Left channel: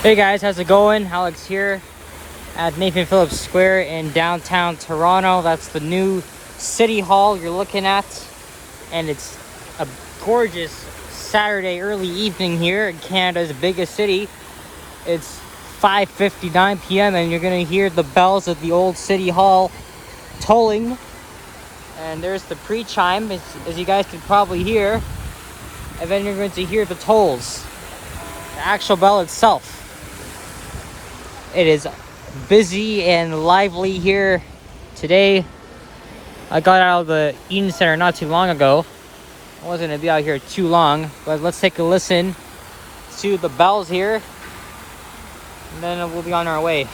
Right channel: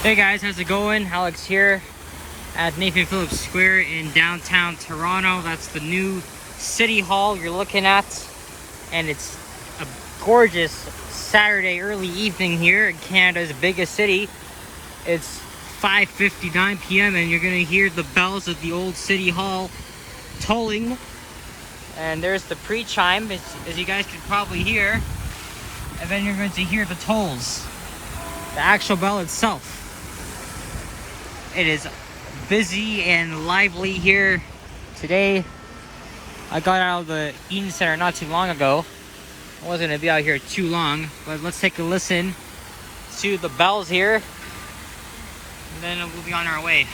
Hey guys, how's it going? Alex here at Nathan Phillips Square in downtown Toronto. That's the new City Hall you're looking at. And it's a gorgeous Saturday early evening here in Canada's biggest city. It's 5:59 p.m. and you're gonna hear the bells of the old City Hall tolling. And there's the pre-chime, as you guys can probably hear. And then you're going to hear the tolls. The actual bell itself. It is busy and lively here today. I got out of the Eaton Center not too long ago. I wasn't gonna be out here too long, but let's take a listen to the bells here, and then we'll be on our way.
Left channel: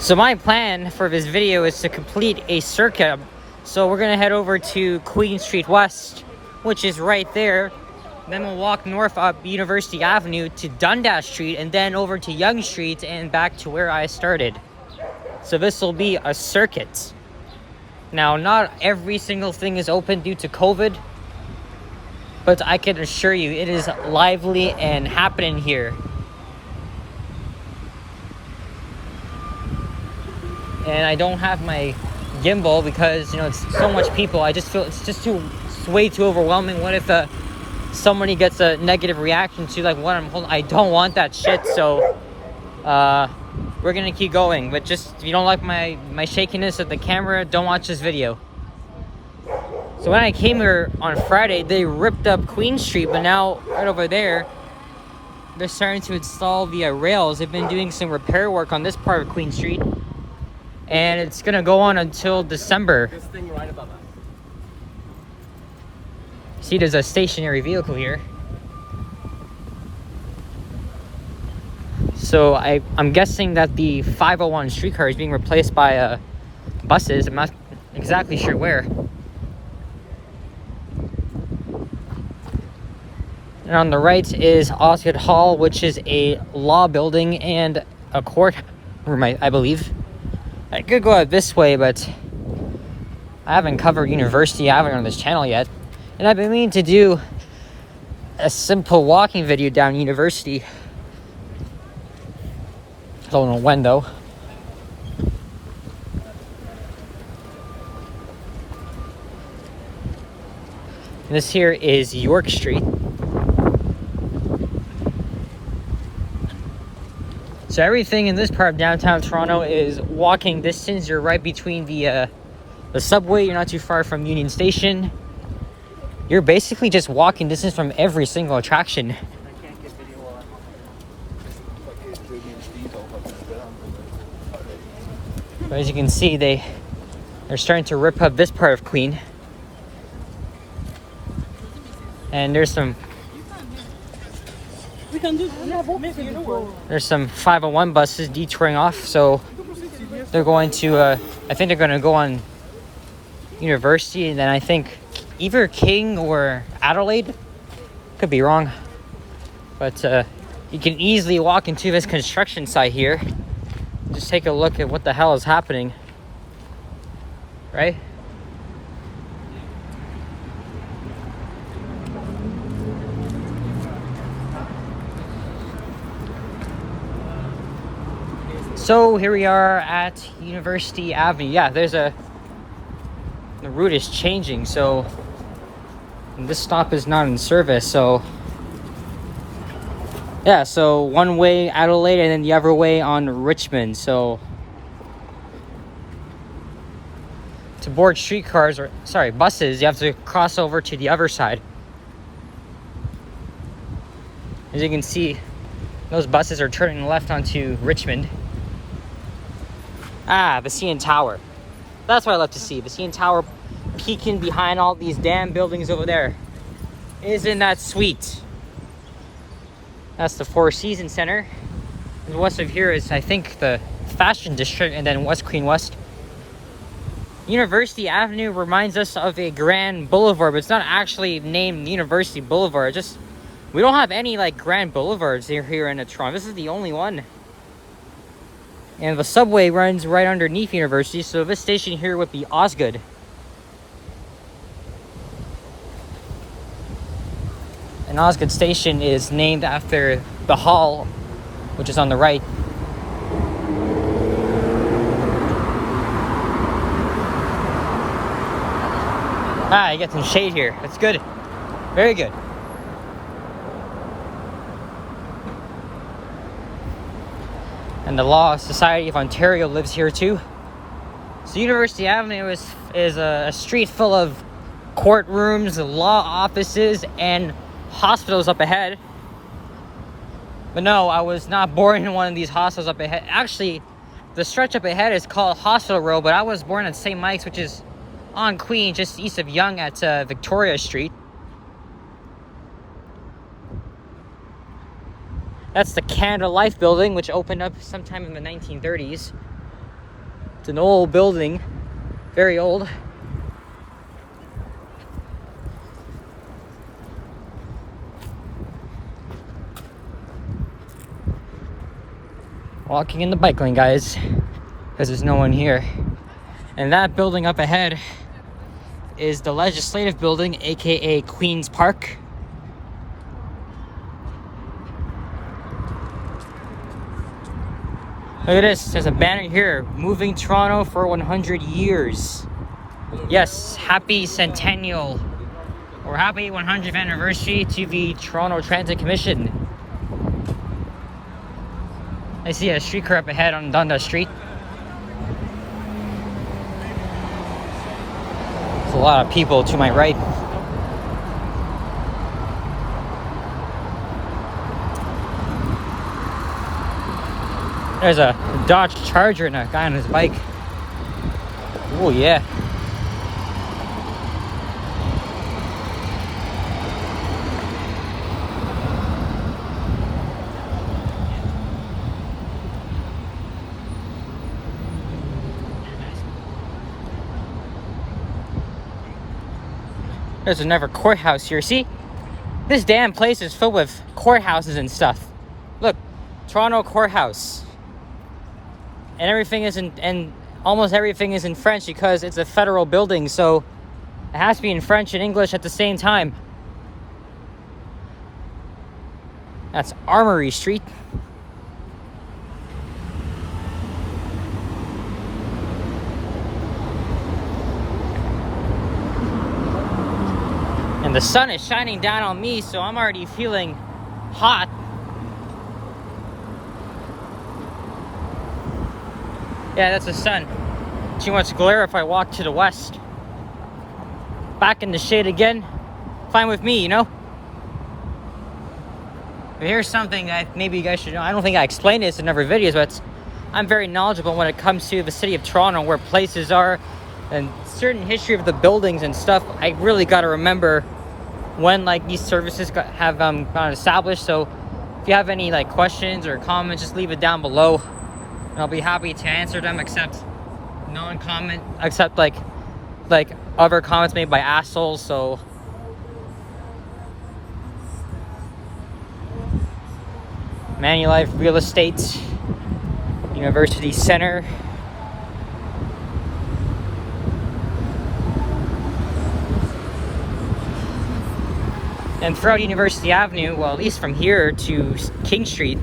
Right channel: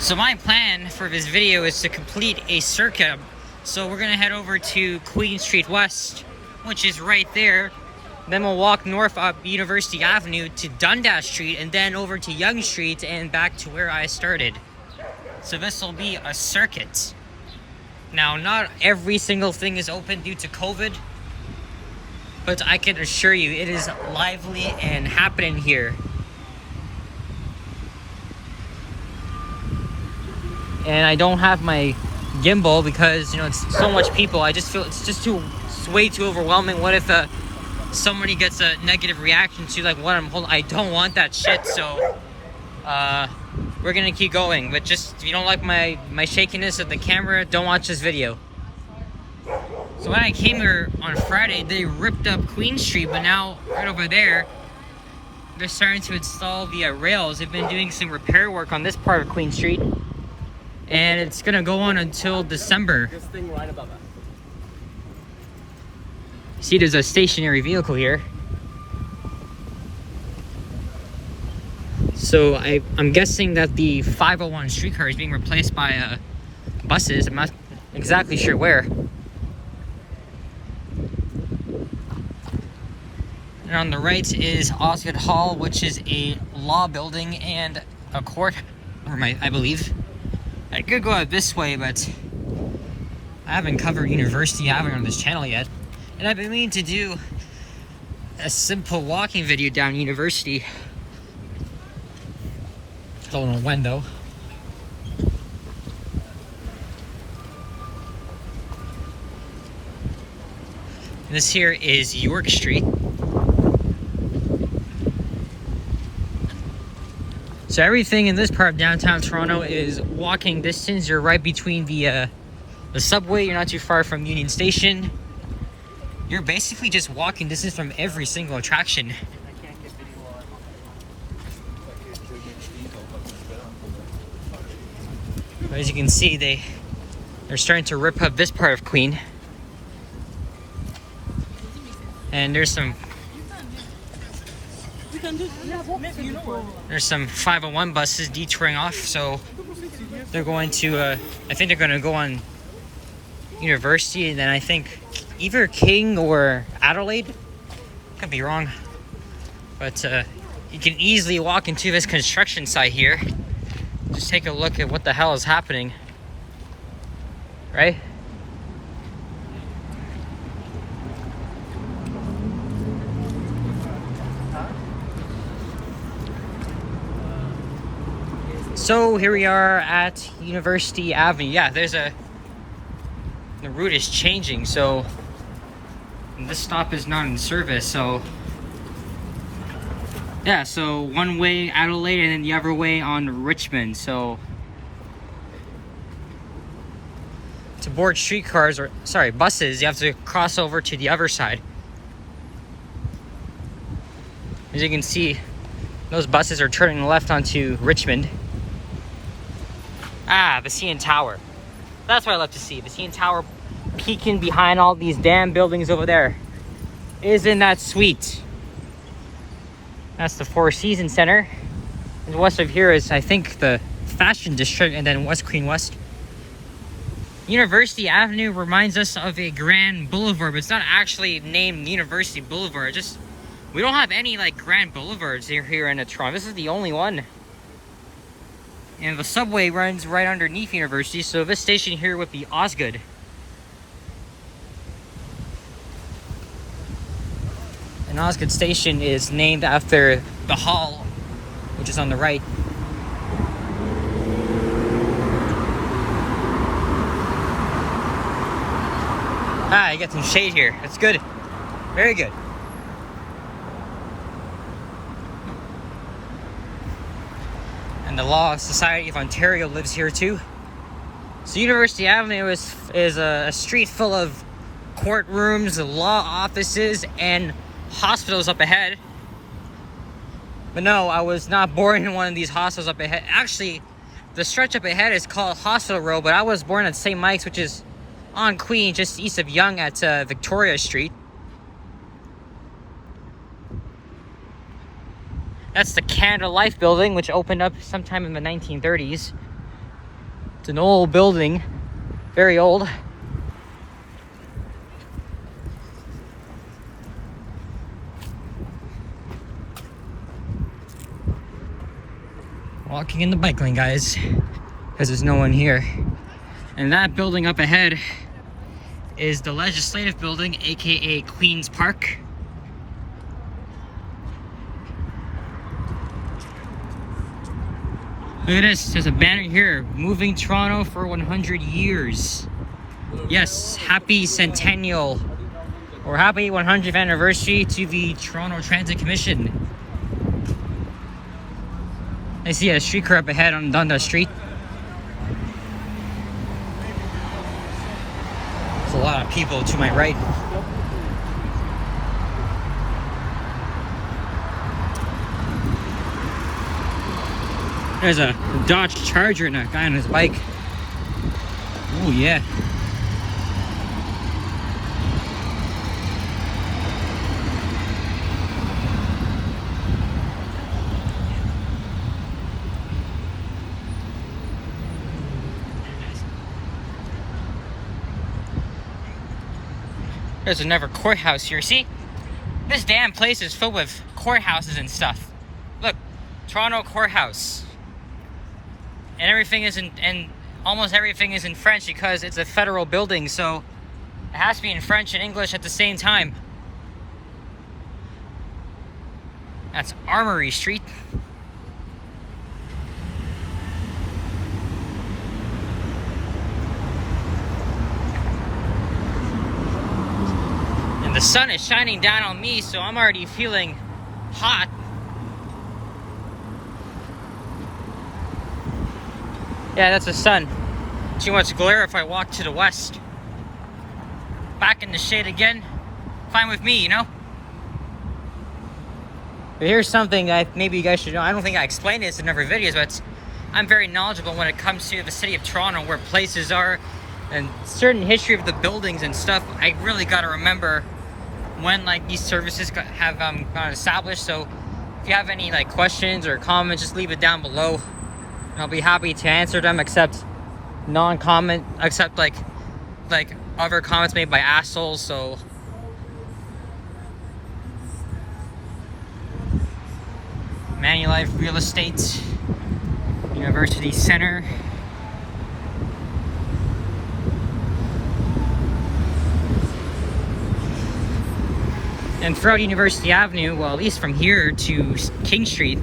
So my plan for this video is to complete a circuit. So we're gonna head over to Queen Street West, which is right there. Then we'll walk north up University Avenue to Dundas Street and then over to Yonge Street and back to where I started. So this will be a circuit. Now, not every single thing is open due to COVID, but I can assure you it is lively and happening here. And I don't have my gimbal because, you know, it's so much people. I just feel it's way too overwhelming. What if somebody gets a negative reaction to like what I'm holding? I don't want that shit. So we're gonna keep going. But just if you don't like my shakiness of the camera, don't watch this video. So when I came here on Friday, they ripped up Queen Street, but now right over there, they're starting to install the rails. They've been doing some repair work on this part of Queen Street. And it's gonna go on until December. This thing right above us. See, there's a stationary vehicle here. So I'm guessing that the 501 streetcar is being replaced by buses. I'm not exactly sure where. And on the right is Osgood Hall, which is a law building and a court room, I believe. I could go out this way, but I haven't covered University Avenue on this channel yet. And I've been meaning to do a simple walking video down University. Don't know when though. This here is York Street. So everything in this part of downtown Toronto is walking distance. You're right between the subway. You're not too far from Union Station. You're basically just walking distance from every single attraction. But as you can see, they're starting to rip up this part of Queen. And there's some 501 buses detouring off, so they're going to I think they're going to go on University, and then I think either King or Adelaide, could be wrong, but you can easily walk into this construction site here. Just take a look at what the hell is happening, right? So here we are at University Avenue. Yeah, the route is changing, so this stop is not in service. So yeah, so one way Adelaide and then the other way on Richmond. So to board streetcars, or sorry, buses, you have to cross over to the other side. As you can see, those buses are turning left onto Richmond. Ah, the CN Tower. That's what I love to see. The CN Tower peeking behind all these damn buildings over there. Isn't that sweet? That's the Four Seasons Center. And west of here is, I think, the Fashion District, and then West Queen West. University Avenue reminds us of a grand boulevard, but it's not actually named University Boulevard. We don't have any like grand boulevards here in Toronto. This is the only one. And the subway runs right underneath University, so this station here would be Osgoode. And Osgoode Station is named after the hall, which is on the right. Ah, you get some shade here. That's good. Very good. And the Law Society of Ontario lives here too. So University Avenue is a street full of courtrooms, law offices, and hospitals up ahead. But no, I was not born in one of these hospitals up ahead. Actually, the stretch up ahead is called Hospital Row, but I was born at St. Mike's, which is on Queen, just east of Yonge at Victoria Street. That's the Canada Life building, which opened up sometime in the 1930s. It's an old building, very old. Walking in the bike lane, guys, because there's no one here. And that building up ahead is the Legislative Building, aka Queen's Park. Look at this, there's a banner here, moving Toronto for 100 years. Yes, happy centennial, or happy 100th anniversary to the Toronto Transit Commission. I see a streetcar up ahead on Dundas Street. There's a lot of people to my right. There's a Dodge Charger and a guy on his bike. Oh yeah. There's another courthouse here. See? This damn place is filled with courthouses and stuff. Look, Toronto Courthouse. And everything is and almost everything is in French because it's a federal building, so it has to be in French and English at the same time. That's Armory Street. And the sun is shining down on me, so I'm already feeling hot. Yeah, that's the sun. Too much glare if I walk to the west. Back in the shade again. Fine with me, you know? But here's something that maybe you guys should know. I don't think I explained this in other videos, but I'm very knowledgeable when it comes to the city of Toronto, where places are, and certain history of the buildings and stuff. I really got to remember when like these services have gone established. So if you have any like questions or comments, just leave it down below. And I'll be happy to answer them, except non-comment, except like other comments made by assholes. So Manulife Real Estate, University Center. And throughout University Avenue, well, at least from here to King Street,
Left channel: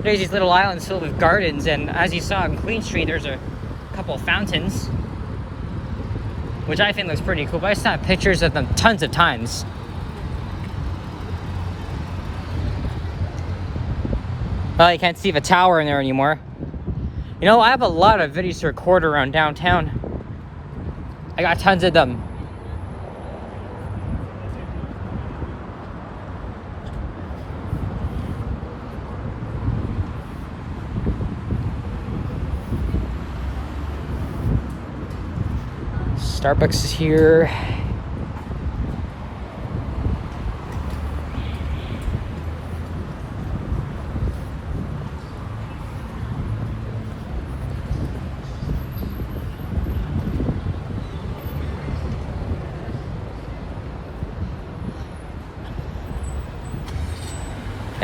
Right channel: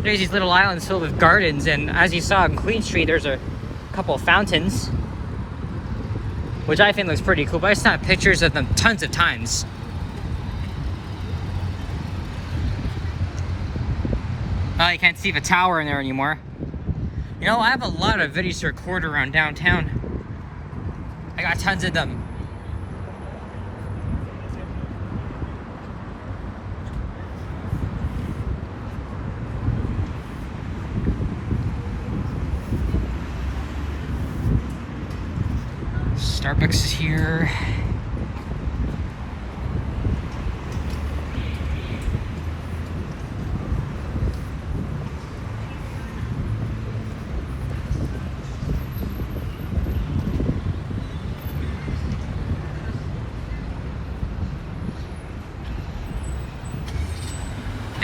there's these little islands filled with gardens. And as you saw on Queen Street, there's a couple of fountains, which I think looks pretty cool. But I snapped pictures of them tons of times. Well, you can't see the tower in there anymore. You know, I have a lot of videos to record around downtown. I got tons of them. Starbucks is here.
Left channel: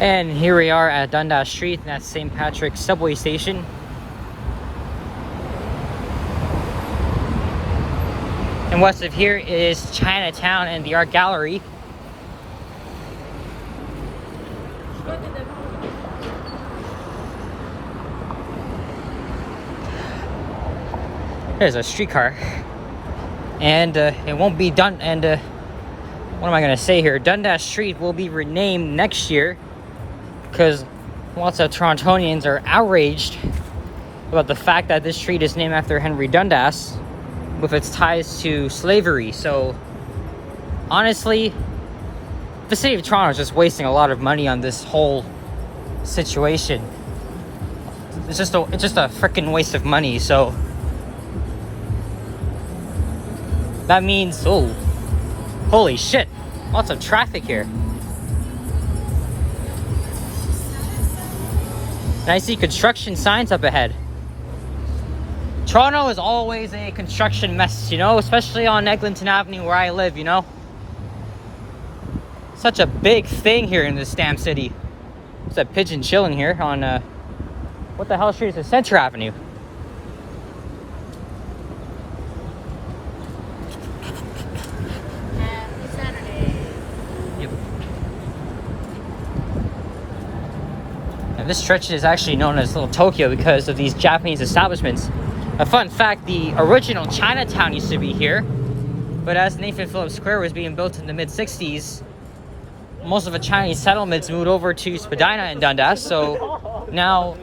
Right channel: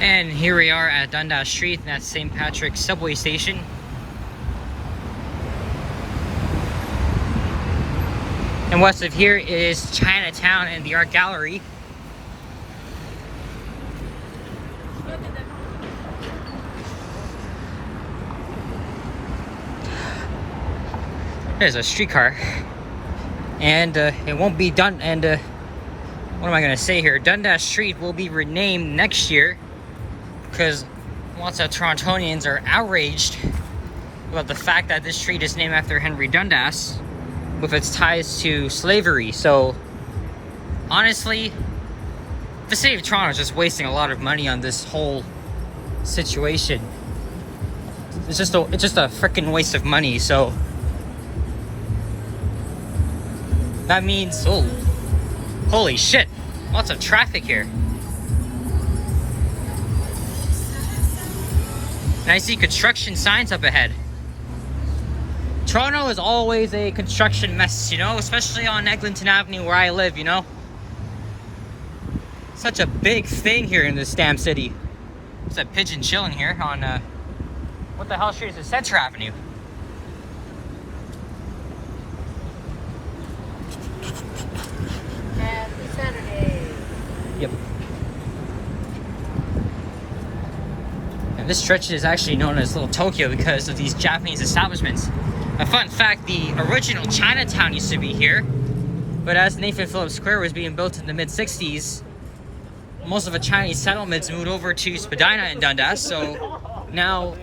And here we are at Dundas Street, and that's St. Patrick's subway station. And west of here is Chinatown and the Art Gallery. There's a streetcar. And it won't be done. And what am I going to say here? Dundas Street will be renamed next year because lots of Torontonians are outraged about the fact that this street is named after Henry Dundas with its ties to slavery. So honestly, the city of Toronto is just wasting a lot of money on this whole situation. It's just a freaking waste of money. So that means, oh, holy shit, lots of traffic here. And I see construction signs up ahead. Toronto is always a construction mess, you know, especially on Eglinton Avenue where I live, you know. Such a big thing here in this damn city. It's a pigeon chilling here on, what the hell street is it? Center Avenue. Yep. And this stretch is actually known as Little Tokyo because of these Japanese establishments. A fun fact, the original Chinatown used to be here, but as Nathan Phillips Square was being built in the mid-60s, most of the Chinese settlements moved over to Spadina and Dundas, so now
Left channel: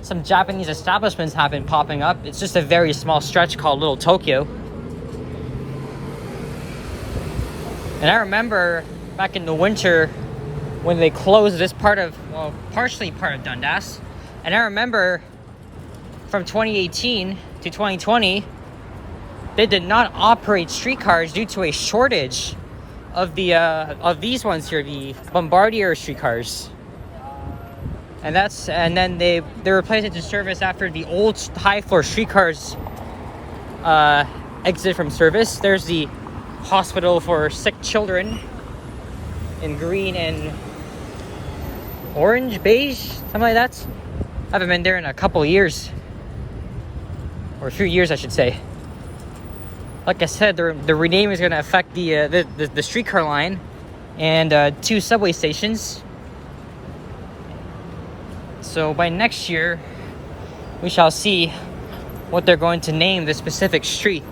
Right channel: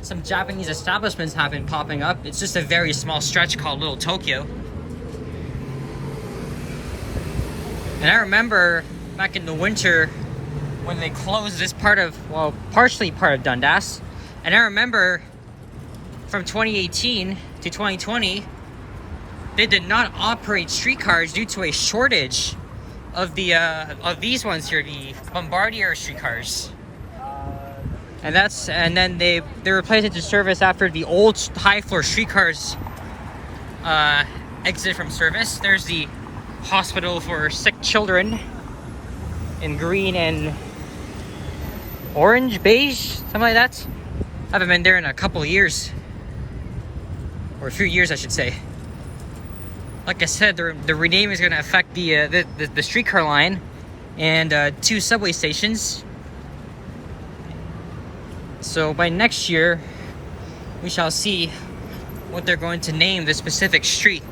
some Japanese establishments have been popping up. It's just a very small stretch called Little Tokyo. And I remember back in the winter when they closed this part of, well, partially part of Dundas, and I remember from 2018 to 2020, they did not operate streetcars due to a shortage of the of these ones here, the Bombardier streetcars. And then they replaced it to service after the old high floor streetcars exited from service. There's the hospital for sick children in green and orange, beige, something like that. I haven't been there in a couple of years. Or a few years, I should say. Like I said, the renaming is going to affect the streetcar line and 2 subway stations. So by next year, we shall see what they're going to name this specific street.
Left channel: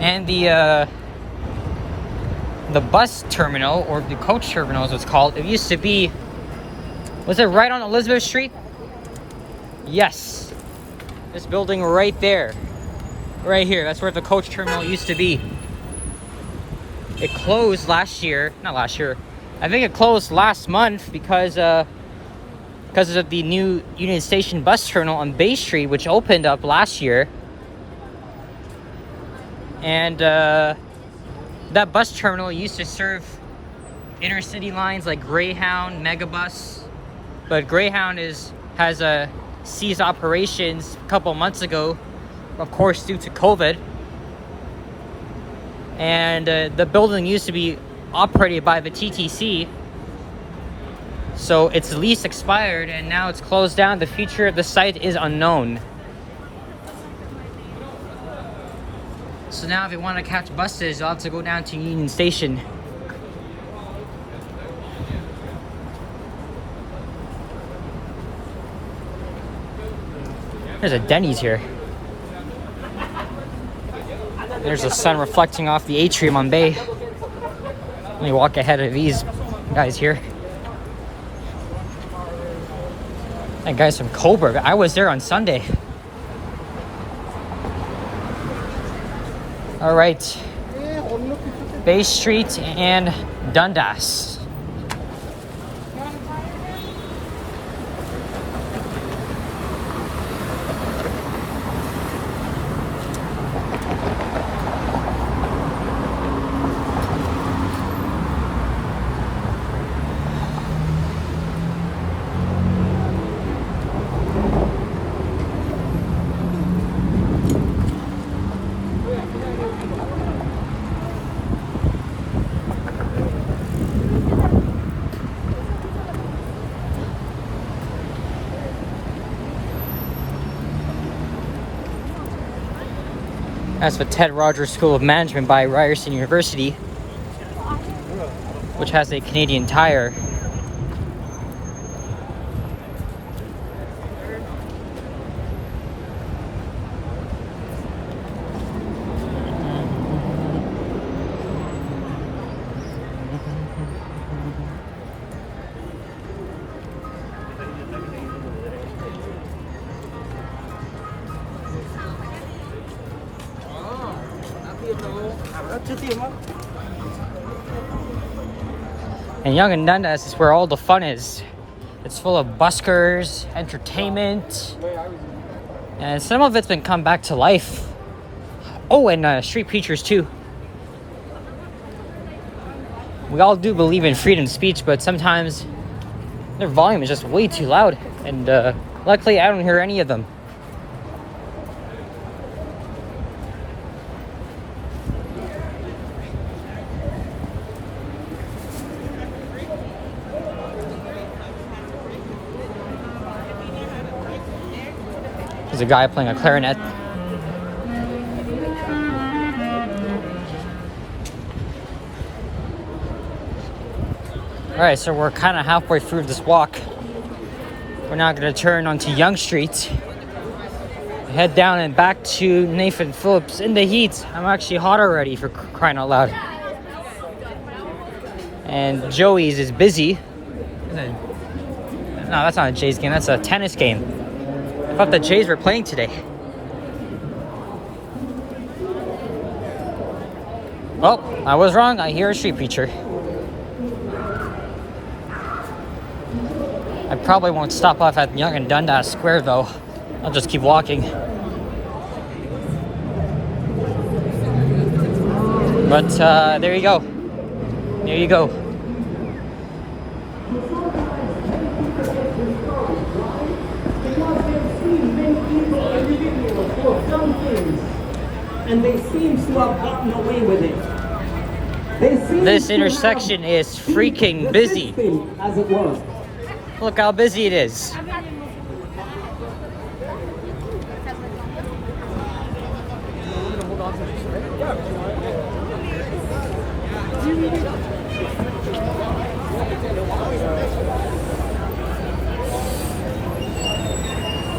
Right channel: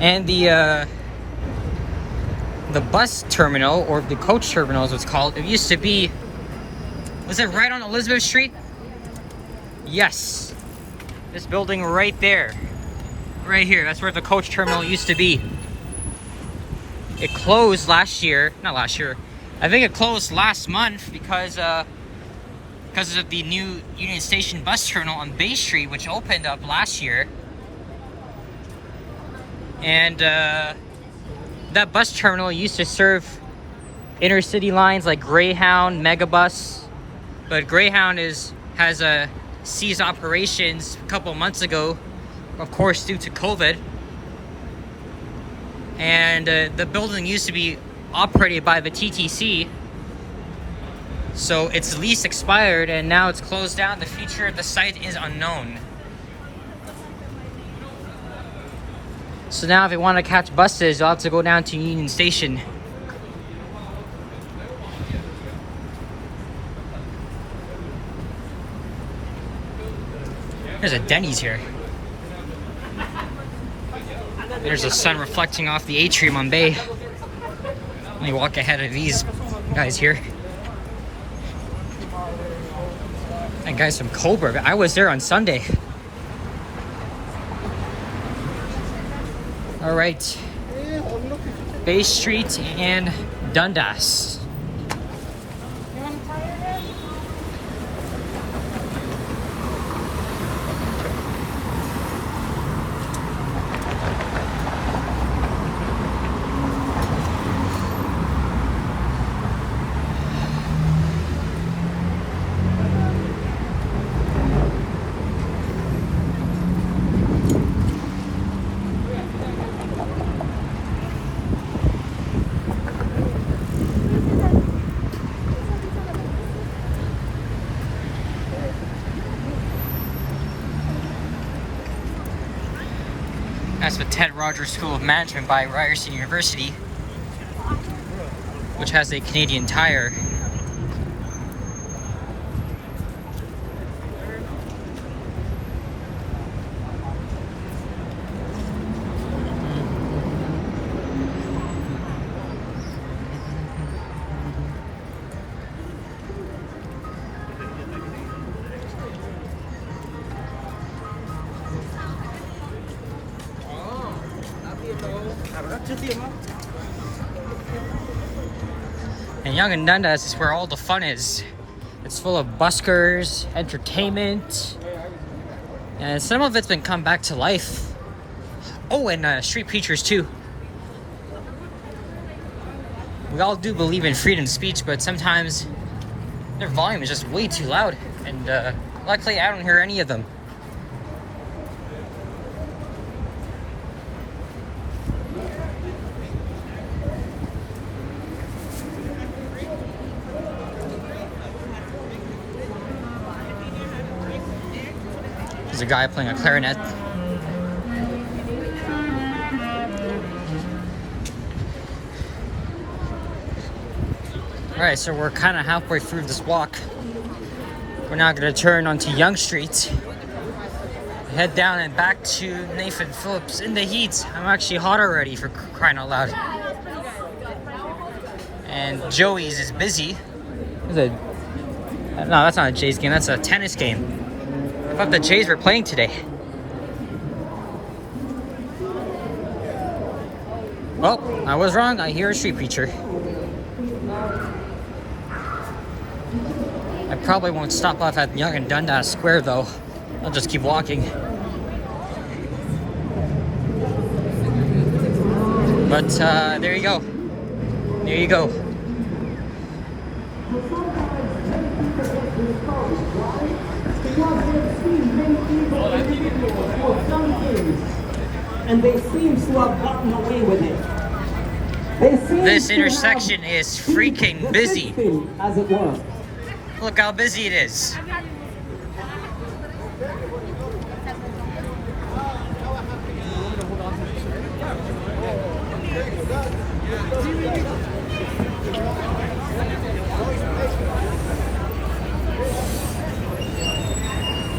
And the bus terminal, or the coach terminal as it's called, it used to be, was it right on Elizabeth Street? Yes. This building right there. Right here. That's where the coach terminal used to be. It closed last year. Not last year. I think it closed last month because of the new Union Station bus terminal on Bay Street, which opened up last year. And that bus terminal used to serve intercity lines like Greyhound, Megabus. But Greyhound has ceased operations a couple months ago, of course, due to COVID. And the building used to be operated by the TTC. So its lease expired and now it's closed down. The future of the site is unknown. So now if you want to catch buses, you'll have to go down to Union Station. There's a Denny's here. There's the sun reflecting off the atrium on Bay. Let me walk ahead of these guys here. That guy's from Coburg. I was there on Sunday. All right. Bay Street and Dundas. That's the Ted Rogers School of Management by Ryerson University, which has a Canadian Tire. And Yonge and Dundas is where all the fun is. It's full of buskers, entertainment, and some of it's been come back to life. Oh, and street preachers too. We all do believe in freedom of speech, but sometimes their volume is just way too loud, and luckily I don't hear any of them. There's a guy playing a clarinet. Alright, so we're kind of halfway through this walk. We're now going to turn onto Yonge Street. Head down and back to Nathan Phillips in the heat. I'm actually hot already, for crying out loud. And Joey's is busy. No, that's not a Jays game, that's a tennis game. I thought the Jays were playing today. Well, I was wrong. I hear a street preacher. I probably won't stop off at Yonge and Dundas Square though. I'll just keep walking. But there you go. There you go. And they seem to have gotten away with it. This intersection is freaking busy. As it were. Look how busy it is.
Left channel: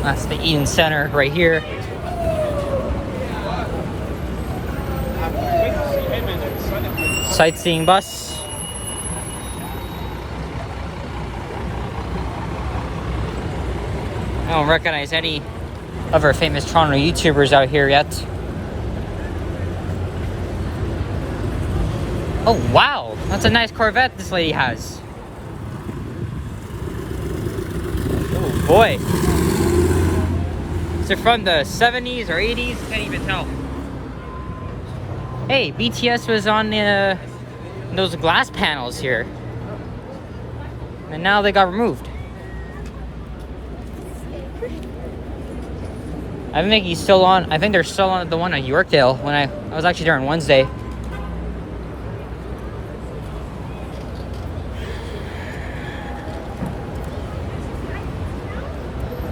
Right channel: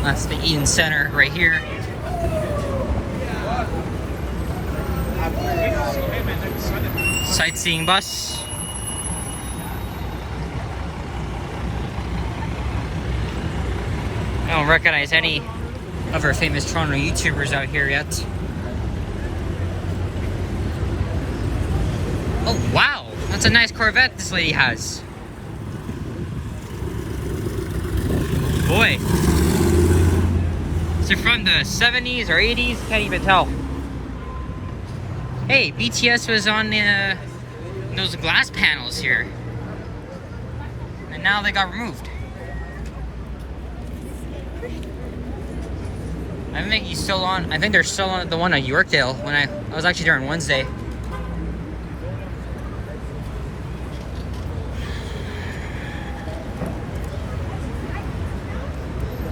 That's the Eaton Center right here. Sightseeing bus. I don't recognize any of our famous Toronto YouTubers out here yet. Oh wow, that's a nice Corvette this lady has. Oh boy. Is it from the 70s or 80s? Can't even tell. Hey, BTS was on those glass panels here. And now they got removed. I think he's still on. I think they're still on the one at Yorkdale when I was actually there on Wednesday.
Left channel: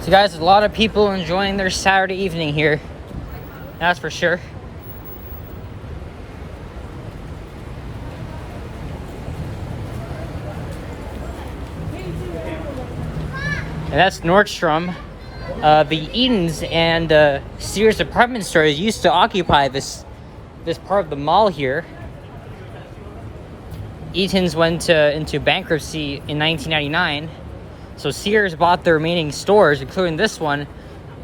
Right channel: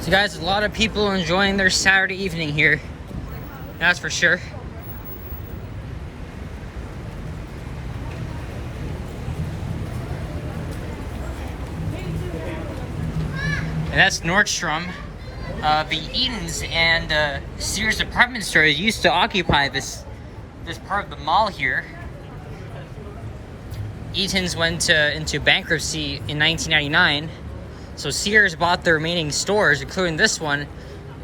So guys, a lot of people enjoying their Saturday evening here. That's for sure. And that's Nordstrom. The Eatons and Sears department stores used to occupy this part of the mall here. Eaton's went into bankruptcy in 1999, so Sears bought the remaining stores, including this one,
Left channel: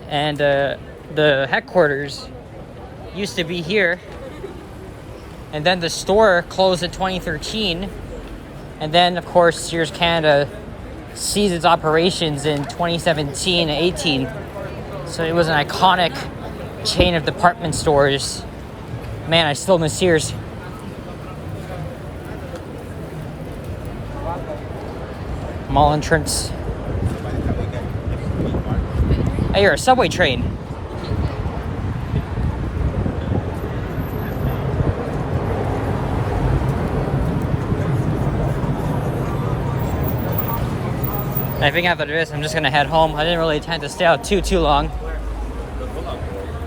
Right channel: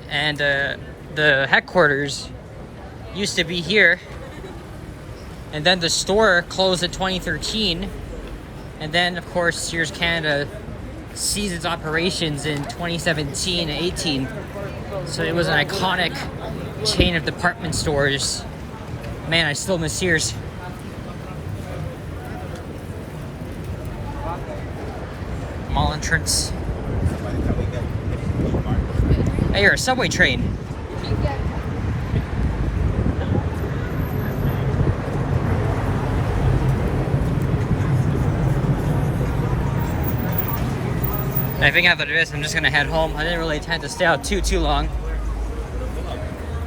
and the headquarters used to be here. And then the store closed in 2013, and then of course Sears Canada ceased its operations in 2017 and 18. So it was an iconic chain of department stores. Man, I still miss Sears. Mall entrance. Hey, you're a subway train. I think after this, I'm just gonna head home. I didn't really intend to stay out too long.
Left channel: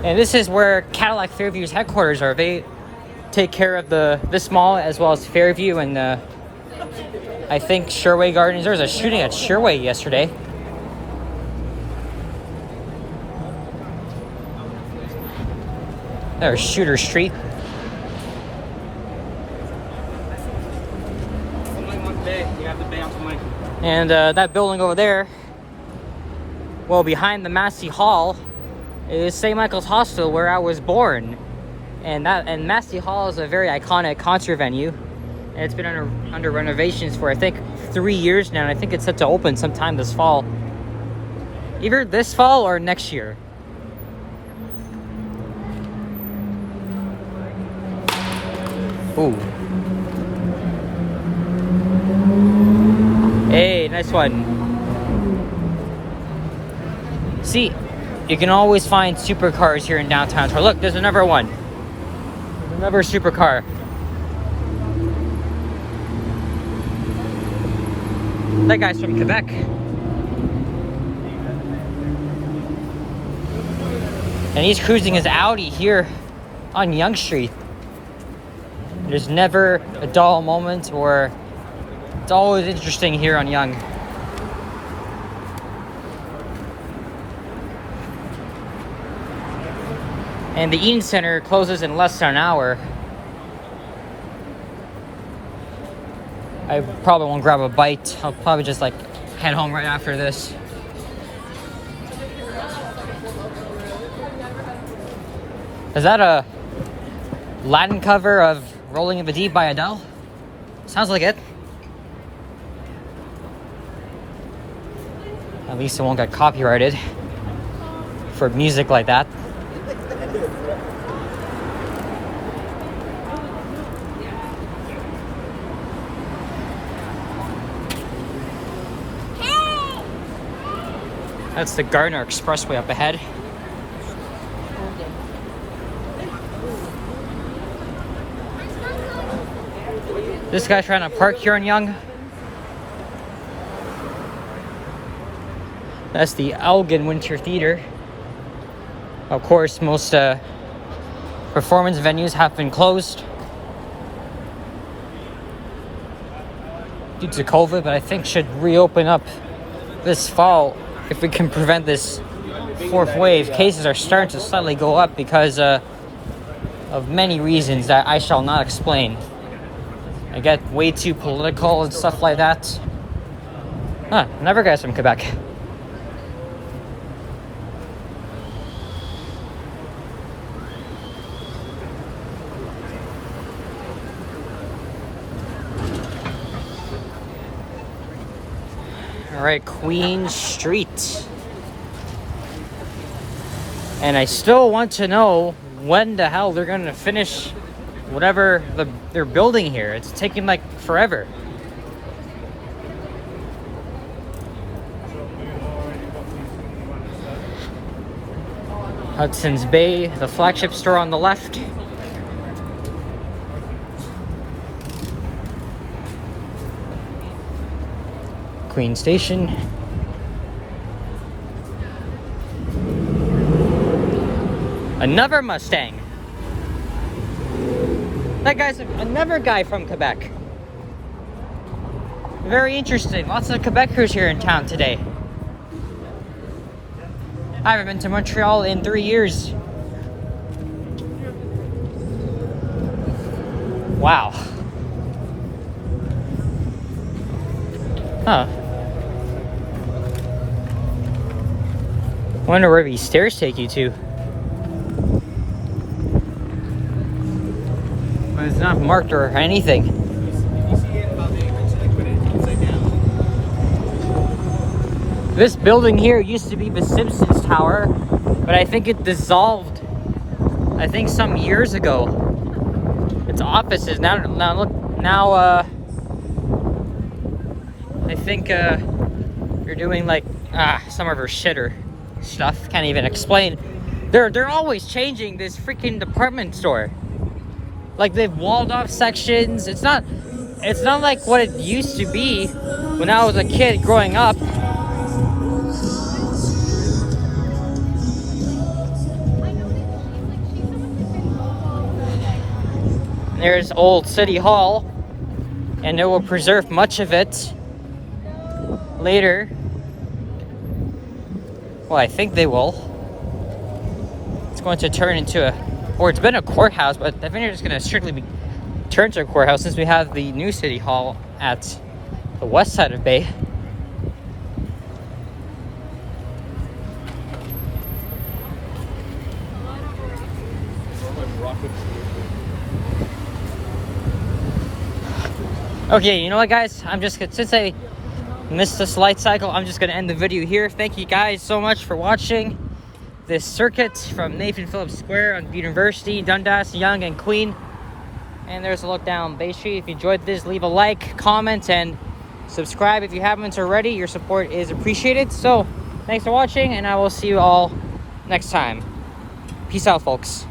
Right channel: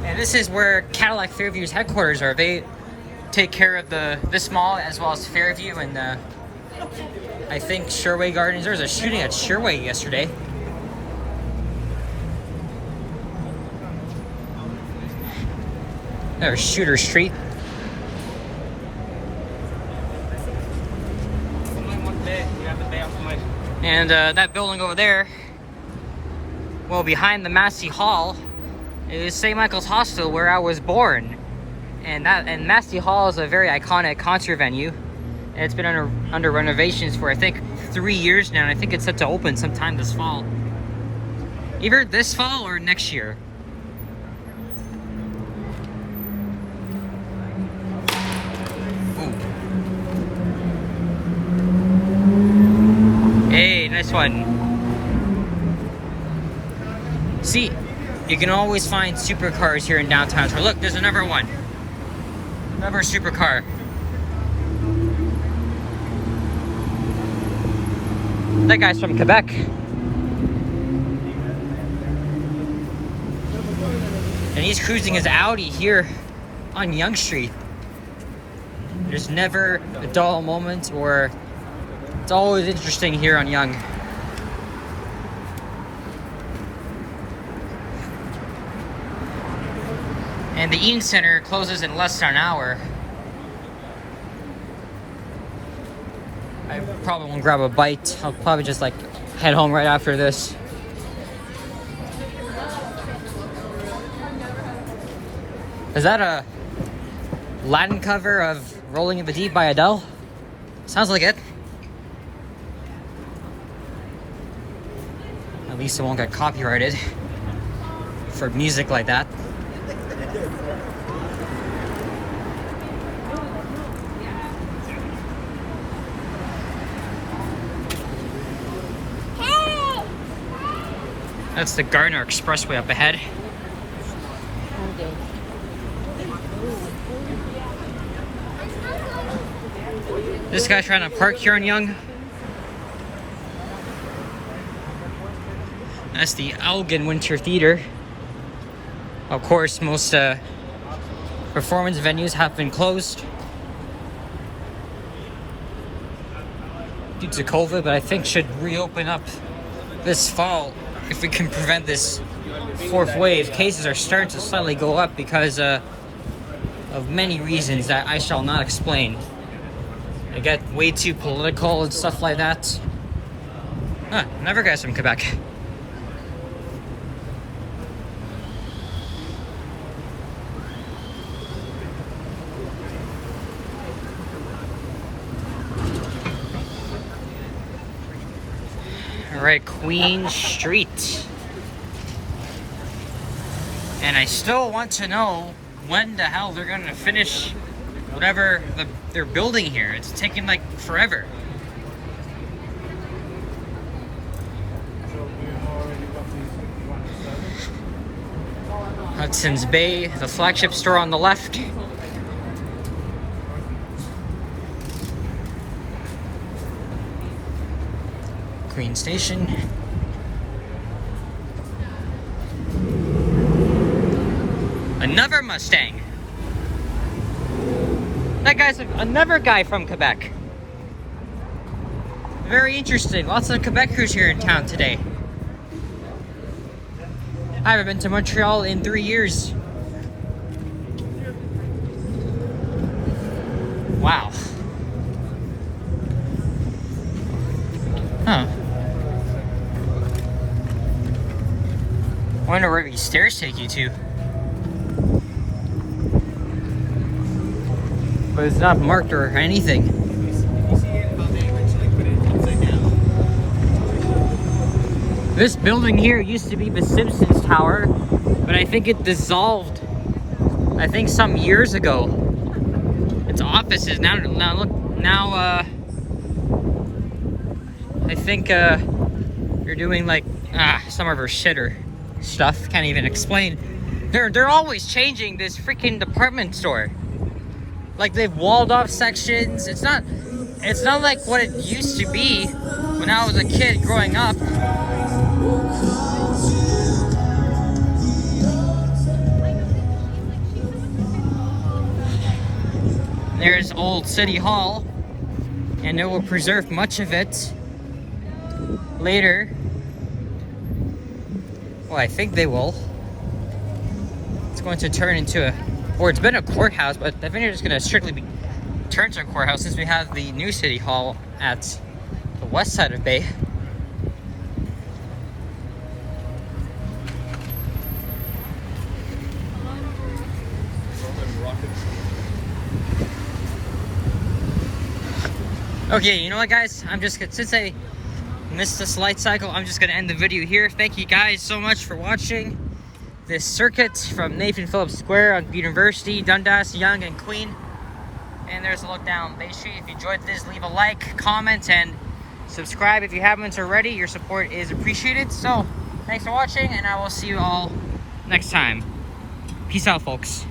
And this is where Cadillac Fairview's headquarters are. They take care of this mall as well as Fairview and I think Sherway Gardens. There was a shooting at Sherway yesterday. There's Shooter Street. And that building over there, well, behind the Massey Hall, is St. Michael's Hospital, where I was born. And Massey Hall is a very iconic concert venue. And it's been under renovations for, I think, 3 years now. And I think it's set to open sometime this fall. Either this fall or next year. Ooh. Hey, nice one. See, you can always find supercars here in downtown. So look, there's another one. Another supercar. That guy's from Quebec. And he's cruising his Audi here on Yonge Street. There's never a dull moment, or it's always interesting here on Yonge. And the Eaton Center closes in less than an hour. I probably won't grab a bite. I'll probably just like head home right after this. Is that a Latin cover of Rolling in the Deep by Adele? Sounds like it. At least it won't get copyrighted for music like that. That's the Gardner Expressway up ahead. This guy's trying to park here in Yonge. That's the Elgin Winter Theater. Of course, most performance venues have been closed due to COVID, but I think should reopen up this fall if we can prevent this fourth wave. Cases are starting to slightly go up because of many reasons that I shall not explain. I get way too political and stuff like that. Huh, another guy's from Quebec. All right, Queen Street. And I still want to know when the hell they're gonna finish whatever they're building here. It's taking like forever. Hudson's Bay, the flagship store on the left. Queen Station. Another Mustang. That guy's another guy from Quebec. Very interesting. Lots of Quebecers here in town today. I haven't been to Montreal in 3 years. Wow. Huh. Wonder where these stairs take you to. But it's not marked or anything. This building here used to be the Simpsons Tower, but I think it dissolved, I think some years ago. It's offices now. I think you're doing like some of her shitter stuff. Can't even explain. They're always changing this freaking department store. Like they've walled off sections. It's not like what it used to be when I was a kid growing up. There's old City Hall, and it will preserve much of it later. Well, I think they will. It's going to turn into or it's been a courthouse, but I think they're just going to strictly be turned to a courthouse since we have the new City Hall at the west side of Bay. Okay, you know what, guys? I'm just gonna, since I missed this light cycle, I'm just gonna end the video here. Thank you guys so much for watching this circuit from Nathan Phillips Square on University, Dundas, Yonge, and Queen. And there's a look down Bay Street. If you enjoyed this, leave a like, comment, and subscribe if you haven't already. Your support is appreciated. So, thanks for watching, and I will see you all next time. Peace out, folks.